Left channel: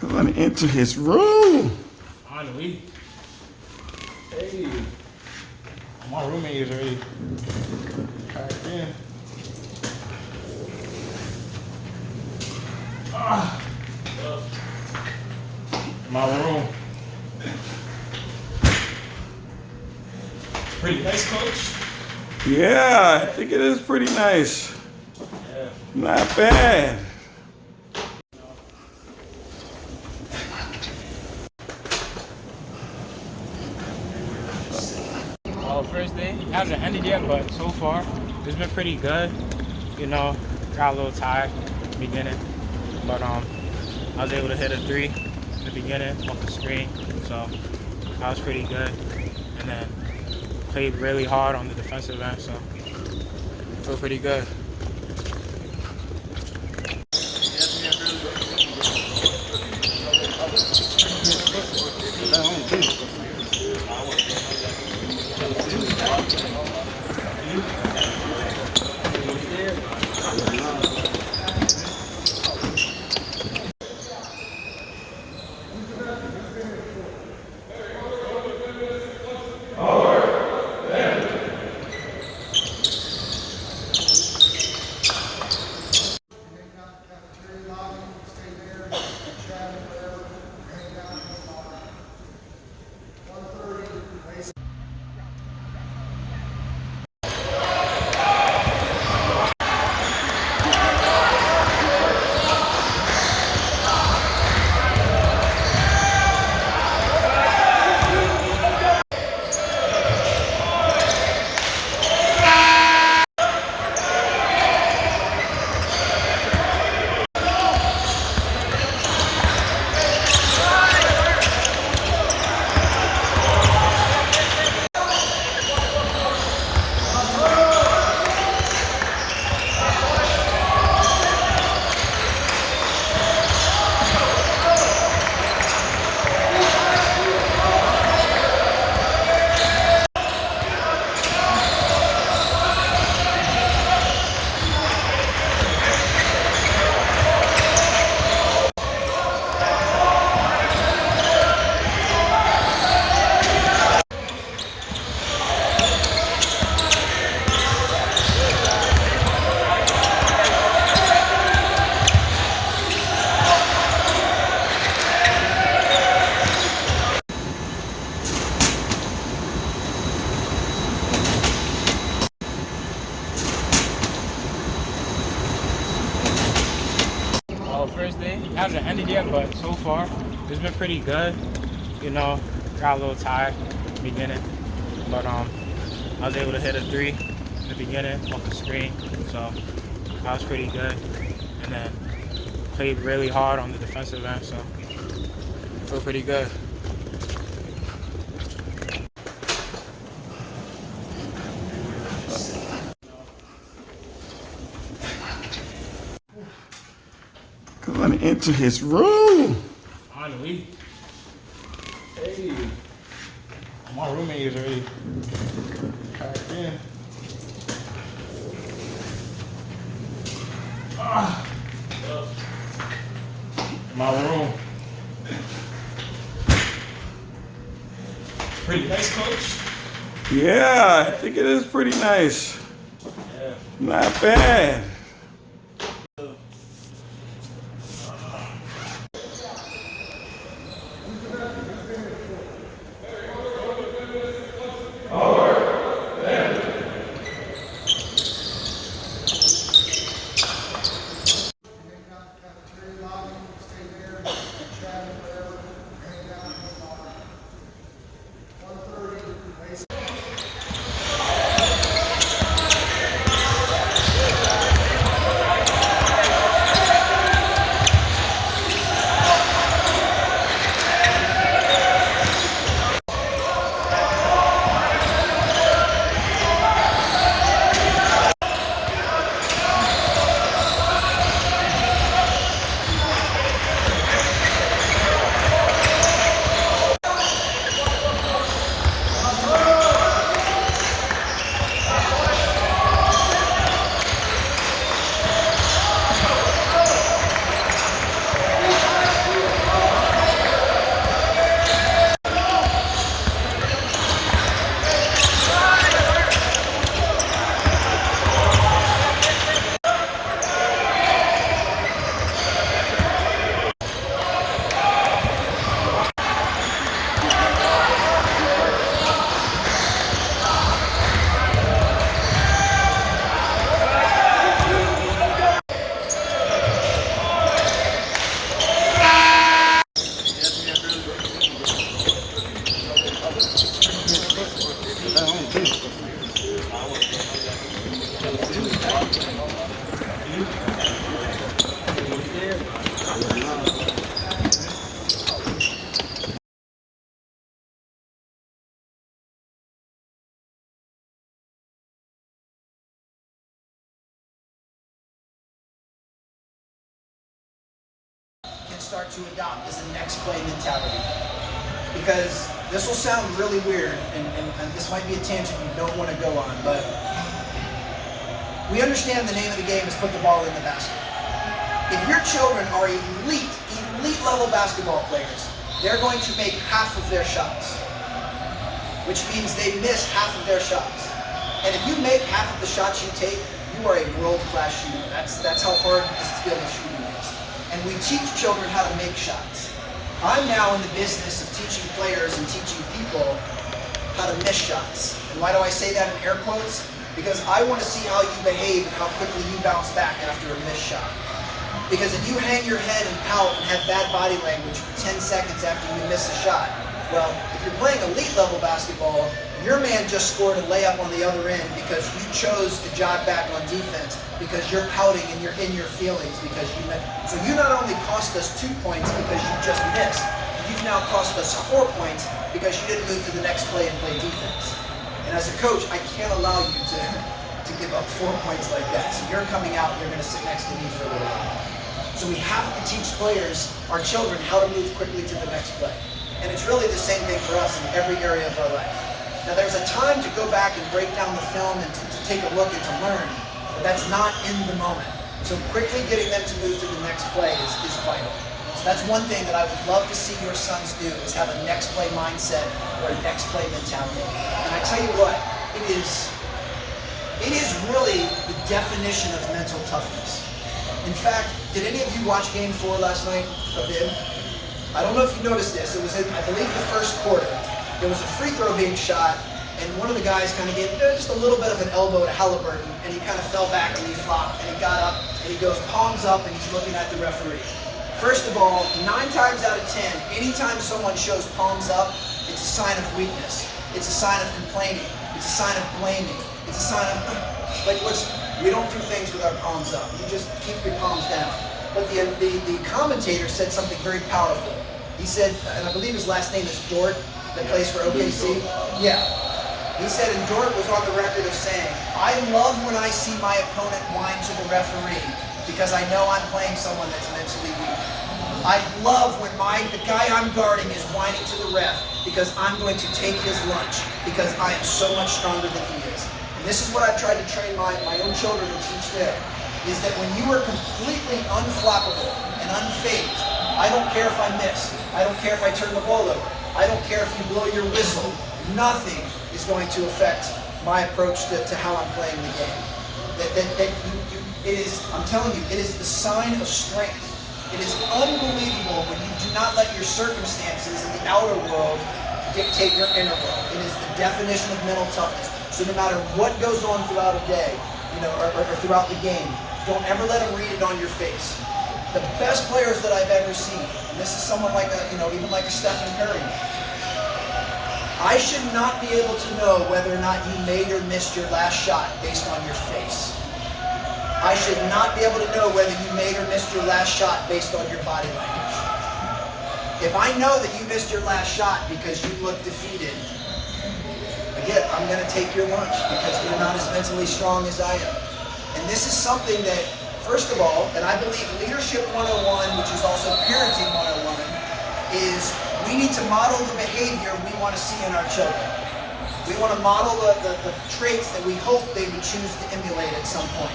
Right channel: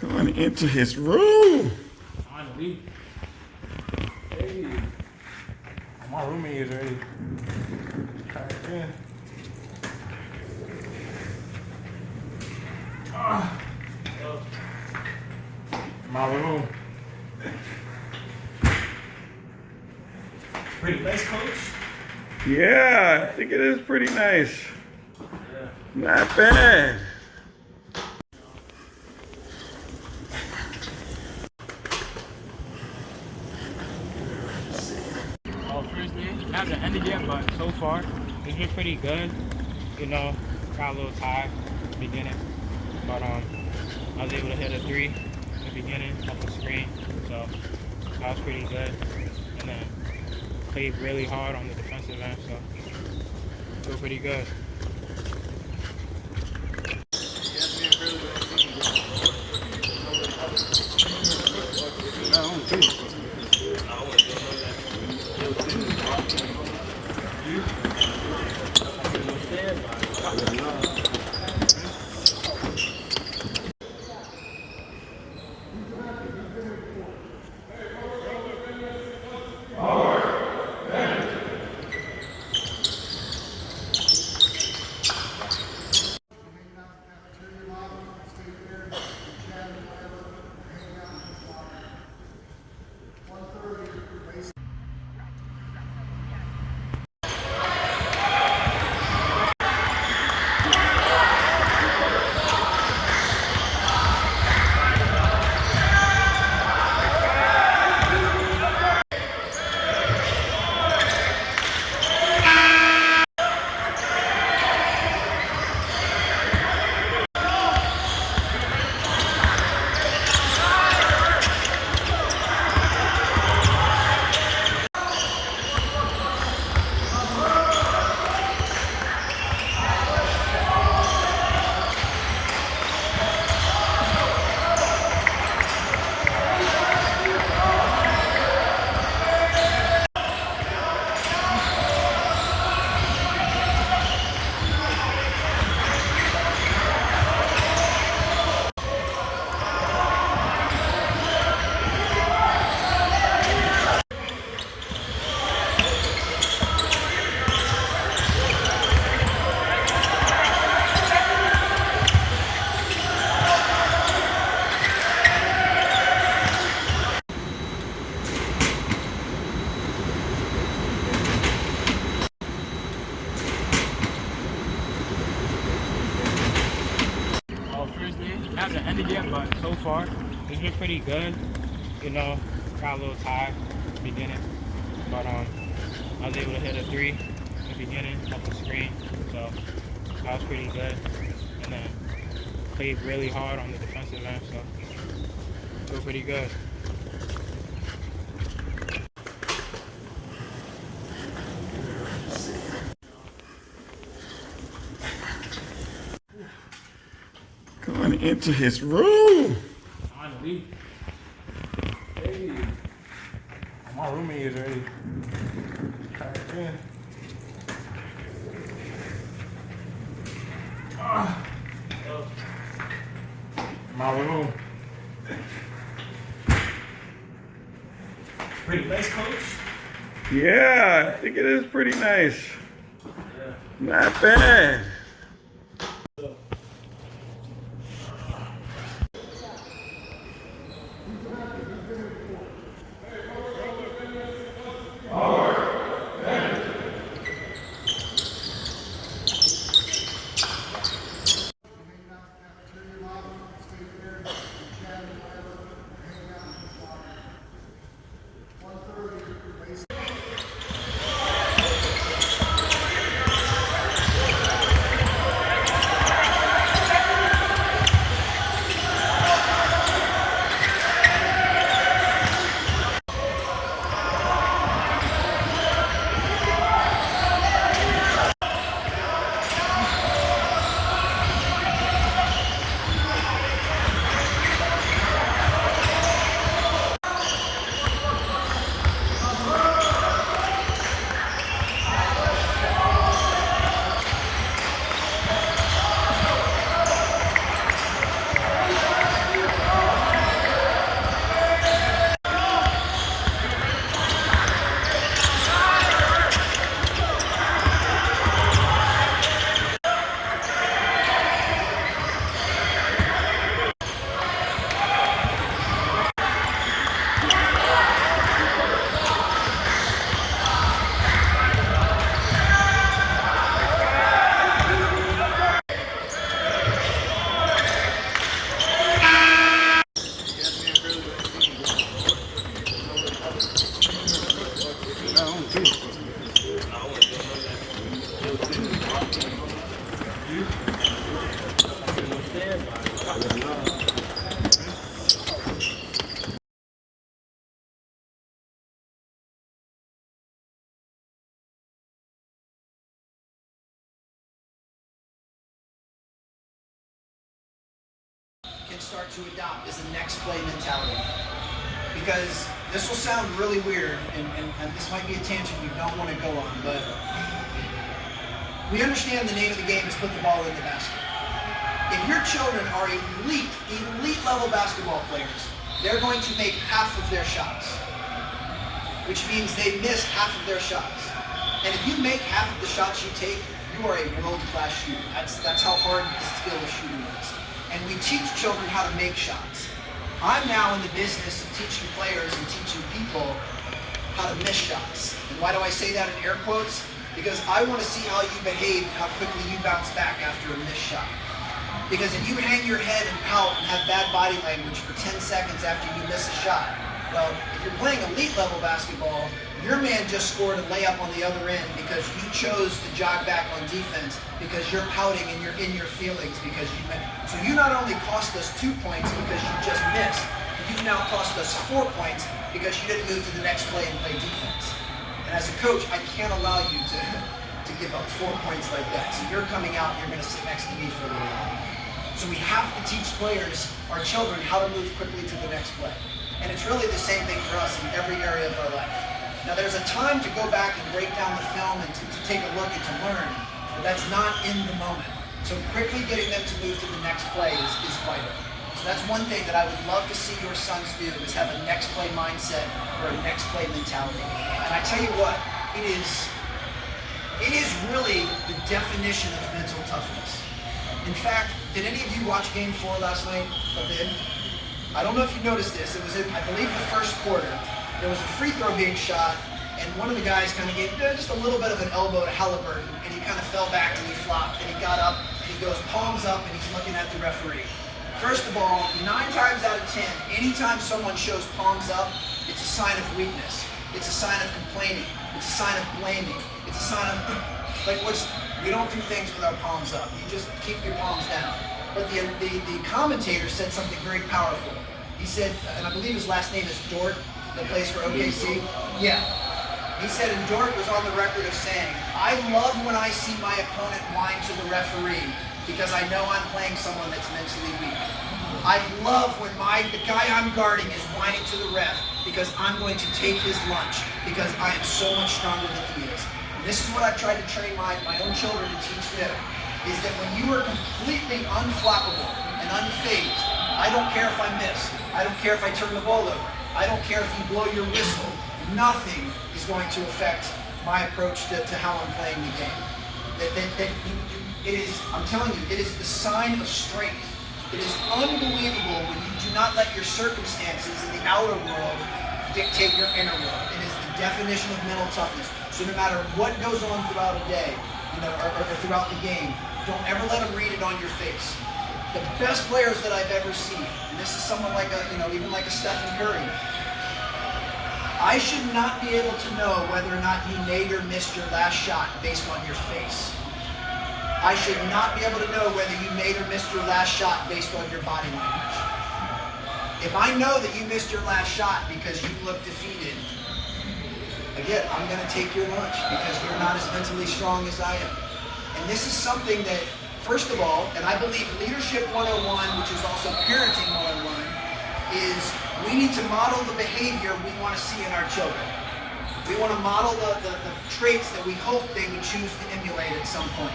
Going into his room. Finally. Hey. My roommate is ready. Try it again. My room. Pretty nice, coach. Yeah, I think it is pretty nice. Yeah. Not bad. First day, it hasn't ended yet, but so far, it's been pretty good. You know, got a little tired at the beginning, but I was able to hit a 3 at the beginning off the screen, so that was pretty good. And then played really hard on the defensive end, so I feel pretty good. First day, it hasn't ended yet, but so far, it's been pretty good. You know, got a little tired at the beginning, but I was able to hit a 3 at the beginning off the screen, so that was pretty good. And then played really hard on the defensive end, so I feel pretty good. Going into his room. Finally. Hey. My roommate is ready. Try it again. My room. Pretty nice, coach. Yeah, I think it is pretty nice. Yeah. Not bad. can start to adopt is a next play mentality. Because this will sound really weird, and this might be a tangent you don't want to go on, but we understand the name of the game is put the ball in the basket. If your children are elite level basketball players, they're going to make half of their shots, which means they miss half of their shots. And if you make half of the shots you take, you are a world-class shooter. That's how hard the skill of shooting is. And we teach children how to make shots. I'm now in the business of teaching players and teaching people how to miss shots. And why do I say that in air quotes? Because I want to see how you behave, how quickly you bounce back after a missed shot. Because if you hang your head and pout and have bad body language for 10 seconds after you miss a shot, well, if you're playing elite level basketball, your man just scored a layup on the other end because you chose to jog back on defense because you're pouting and you're in your feelings because you missed. So you not only cost us 2 points because you just missed, you've now cost us 4 points because you didn't move to the next play and play defense. And as a coach, I can't allow you to give up 4 points like that. So you're coming out and you're going to sit next to me for a little while. So we have to teach players, our children, how to move quickly to the next play. And it's really the same thing for us in every area of our life. Now there's a time to go back and break down the film and to take a look and to learn, but that's not in the moment. So quickly getting them to move to the next play is vital. So that's one thing that I would love to see your sons do, is have a next play mindset or a next play mentality. And I tell you what, it is really the definition of mental toughness. In fact, did any of you watch Game 4 last night of it? I don't know if you noticed this. It was in, I believe, the first quarter. There was a free throw being shot, and one of the guys kind of gave just a little bit of an elbow to Halliburton, and he kind of fell back and he flopped, and he got up, and he goes palms up, and he's looking at the referee. First of all, 9 times out of 10, anytime someone shows palms up, it's a sign of weakness. It's a sign of complaining. It's a sign of blaming. It's a sign of, we don't do things with our palms up. You just keep your palms down. But the commentator said something very powerful. He said, and I believe his last name is Dort, that plays for OKC. Yeah. He said, and Dort was on the record of saying, I love when I see my opponent whine to the referee because I know I'm playing someone that's mentally weak. I love when the guy I'm guarding is whining to the ref because I'm going to take his lunch because I am so much stronger than he is. And this is what I've tried to train my own children to teach them, is that when you are completely unflappable and unfazed, I don't care if I miss, I don't care if I turn the ball over, I don't care if you blow your whistle, nothing is going to affect my approach to how I'm playing the game. I'm telling you, it is the sign of strength. It is unbelievable when you do not let your circumstances in the outer world dictate your inner world. It is the definition of mental toughness. So no matter what goes on throughout a day, or throughout the game, don't ever let them read it on your face. The best players that I've ever seen, and this is someone like even like a Stephen Curry, I should not be able to know whether or not you made or missed your last shot based on your face. I should not be able to know whether you made or missed your last shot based on your body language. If I know that you missed your last shot because you look defeated, again, I'm going to take your lunch because you're not as mentally strong as I am. And this is something that, first of all, and I believe Leadership 101, which is also Parenting 101, is we need to model the behavior we want to see in our children. We want to model the traits that we hope they would choose to emulate at some point.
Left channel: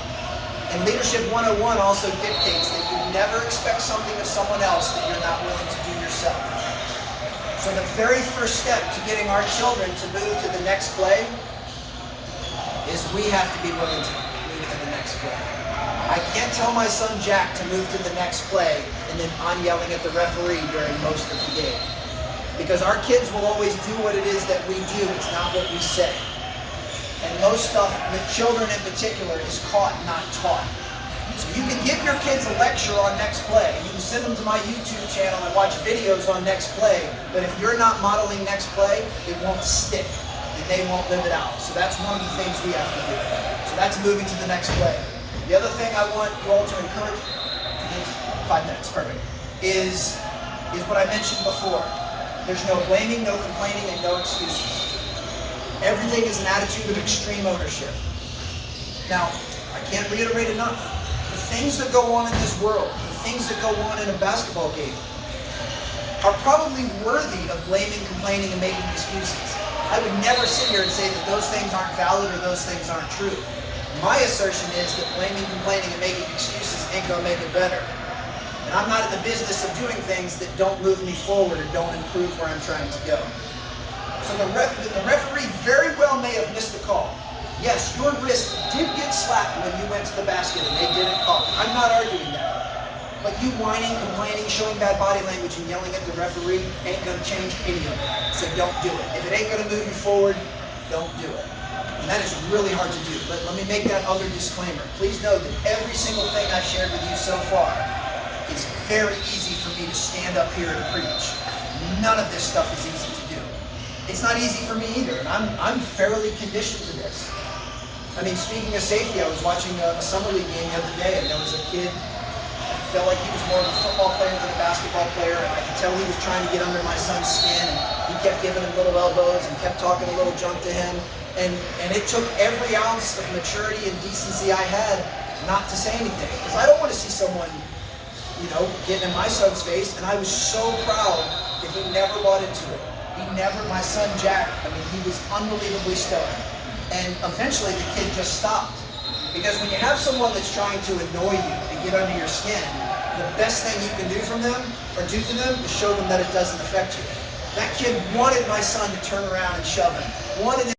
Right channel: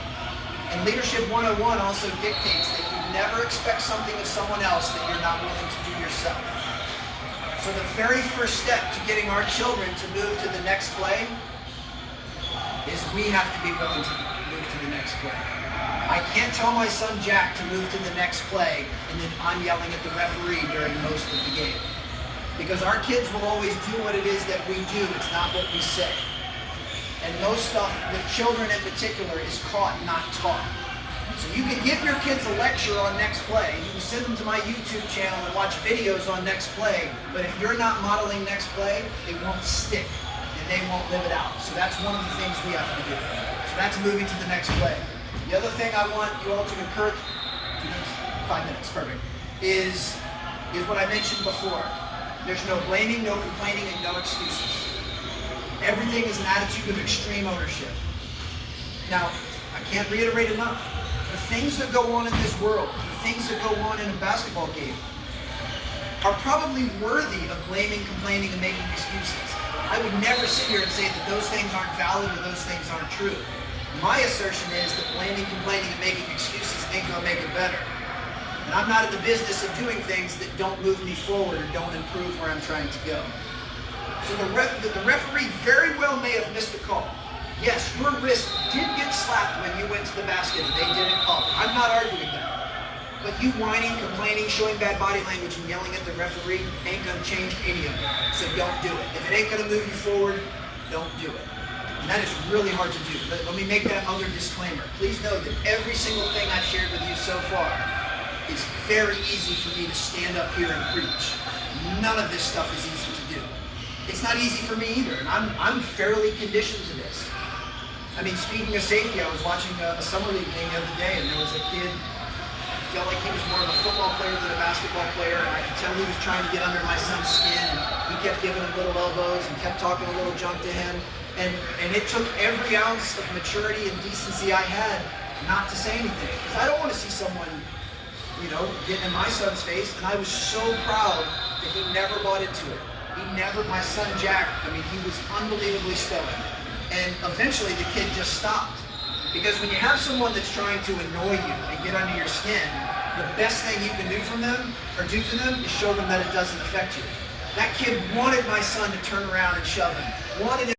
And Leadership 101 also dictates that you never expect something of someone else that you're not willing to do yourself. So the very first step to getting our children to move to the next play is we have to be willing to move to the next play. I can't tell my son Jack to move to the next play and then I'm yelling at the referee during most of the game. Because our kids will always do what it is that we do, it's not what we say. And most stuff, with children in particular, is caught, not taught. So you can give your kids a lecture on next play, you can send them to my YouTube channel and watch videos on next play, but if you're not modeling next play, it won't stick, and they won't live it out. So that's one of the things we have to do. So that's moving to the next play. The other thing I want you all to encourage, 5 minutes, perfect, is what I mentioned before. There's no blaming, no complaining, and no excuses. Everything is an attitude of extreme ownership. Now, I can't reiterate enough. The things that go on in this world, the things that go on in a basketball game are probably worthy of blaming, complaining, and making excuses. I would never sit here and say that those things aren't valid or those things aren't true. My assertion is that blaming, complaining, and making excuses ain't gonna make it better. And I'm not in the business of doing things that don't move me forward or don't improve where I'm trying to go. So the referee very well may have missed the call. Yes, your wrist did get slapped when you went to the basket and they didn't call it. I'm not arguing that. But you whining, complaining, showing bad body language, and yelling at the referee ain't gonna change any of it. So don't do it. If it ain't gonna move you forward, don't do it. And that is really hard to do. Let me make that other disclaimer. Please know that every single thing I've shared with you so far is very easy for me to stand up here and preach. None of this stuff is easy to do. It's not easy for me either, and I'm fairly conditioned to this. I mean, speaking of safety, I was watching a summer league game the other day, and there was a kid, felt like he was more of a football player than a basketball player, and I could tell he was trying to get under my son's skin, and he kept giving him little elbows and kept talking a little junk to him, and it took every ounce of maturity and decency I had not to say anything, because I don't want to see someone, you know, getting in my son's face, and I was so proud that he never bought into it. My son Jack, I mean, he was unbelievably stoic, and eventually the kid just stopped. Because when you have someone that's trying to annoy you and get under your skin, the best thing you can do from them or do to them is show them that it doesn't affect you. That kid wanted my son to turn around and shove him. Wanted him